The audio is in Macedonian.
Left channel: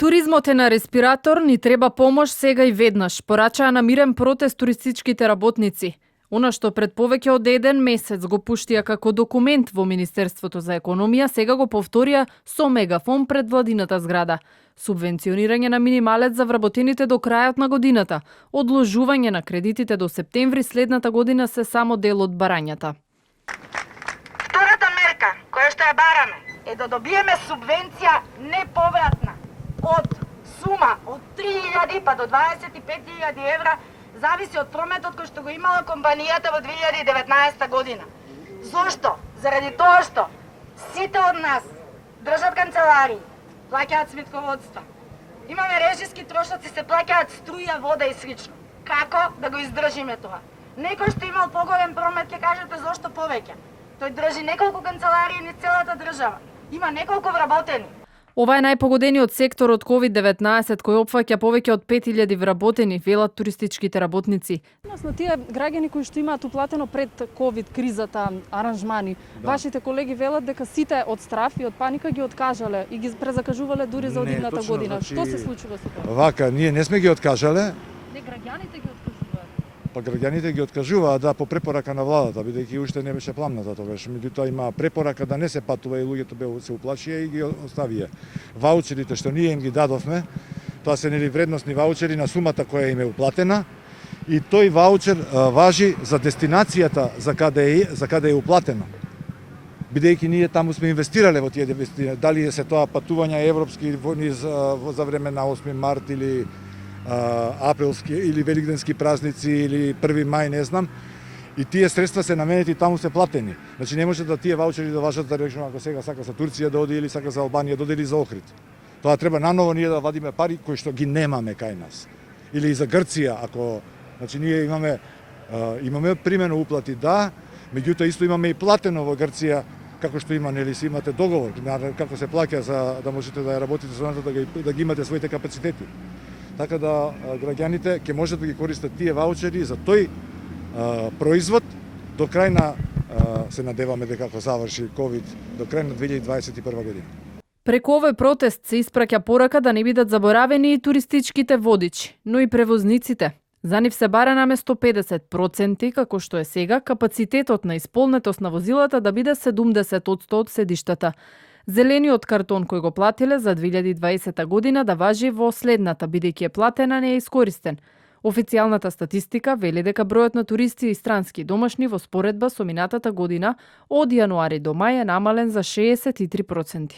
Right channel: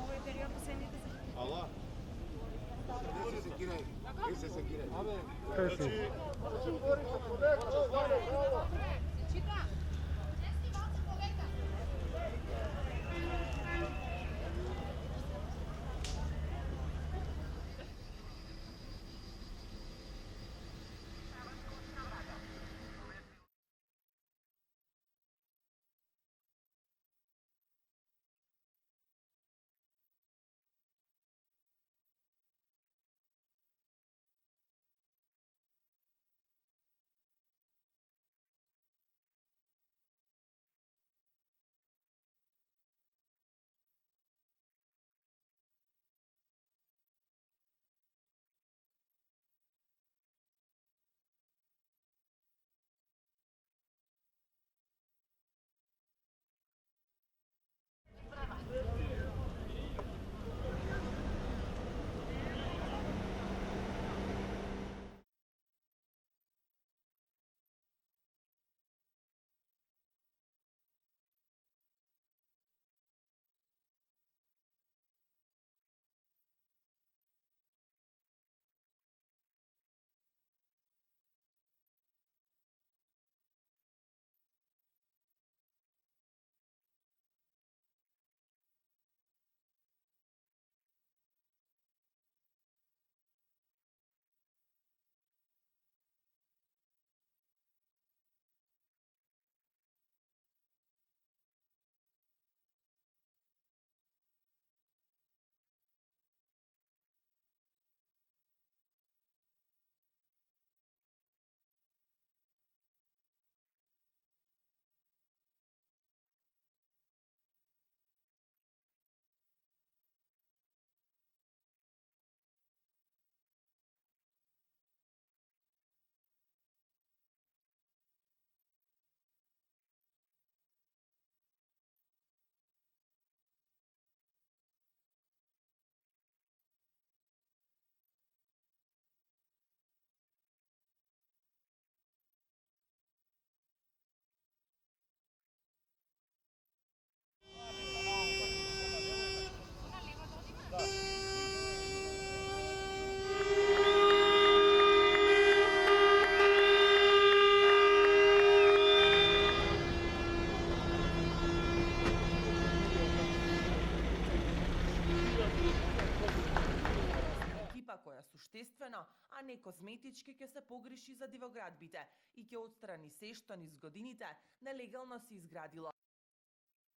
Туризмот е на респиратор, ни треба помош сега и веднаш, порачаа на мирен протест туристичките работници. Она што пред повеќе од еден месец го пуштија како документ во Министерството за економија, сега го повторија со мегафон пред владината зграда. Субвенционирање на минималец за вработените до крајот на годината, одложување на кредитите до септември следната година се само дел од барањата. Втората мерка, која што ја бараме, е да добиеме субвенција неповратна од сума од 3.000 па до 25.000 евра, зависи од прометот кој што го имала компанијата во 2019 година. Зошто? Заради тоа што сите од нас држат канцеларии, плаќаат сметководства. Имаме режиски трошоци, се плаќаат струја, вода и слично. Како да го издржиме тоа? Некој што имал поголем промет ќе кажете зошто повеќе. Тој држи неколку канцеларии низ целата држава. Има неколку вработени. Ова е најпогодениот сектор од COVID-19 кој опфаќа повеќе од 5000 вработени, велат туристичките работници. На тие граѓани кои што имаат уплатено пред ковид кризата аранжмани, вашите колеги велат дека сите од страф и од паника ги откажале и ги презакажувале дури за одидната година. Што се случува со тоа? Вака, ние не сме ги откажале. Не, граѓаните ги откажуваат. Па граѓаните ги откажуваат, да, по препорака на владата, бидејќи уште не беше пламната тогаш. Меѓутоа има препорака да не се патува и луѓето се уплашија и ги оставија. Ваучерите што ние им ги дадовме, тоа се нели вредносни ваучери на сумата која им е уплатена, и тој ваучер важи за дестинацијата за каде е уплатено. Бидејќи ние таму сме инвестирале во тие дестинации, дали се тоа патувања европски за време на 8 март или априлски или великденски празници или 1 мај, не знам. И тие средства се наменети таму се платени. Значи не може да тие ваучери да важат да речеме ако сега сака за Турција да оди или сака за Албанија да оди или за Охрид. Тоа треба наново ние да вадиме пари кои што ги немаме кај нас. Или и за Грција, ако значи ние имаме примено уплати, да, меѓутоа исто имаме и платено во Грција, како што има, нели си имате договор како се плаќа за да можете да ја работите со нас, да ги имате своите капацитети. Така да граѓаните ќе можат да ги користат тие ваучери за тој производ до крај на се надеваме дека ако заврши ковид до крај на 2021 година. Преку овој протест се испраќа порака да не бидат заборавени и туристичките водичи, но и превозниците. За нив се бара наместо 50%, како што е сега, капацитетот на исполнетост на возилата да биде 70% од седиштата. Зелениот картон кој го платиле за 2020 година да важи во следната, бидејќи е платена не е искористен. Официјалната статистика вели дека бројот на туристи и странски домашни во споредба со минатата година од јануари до мај е намален за 63%.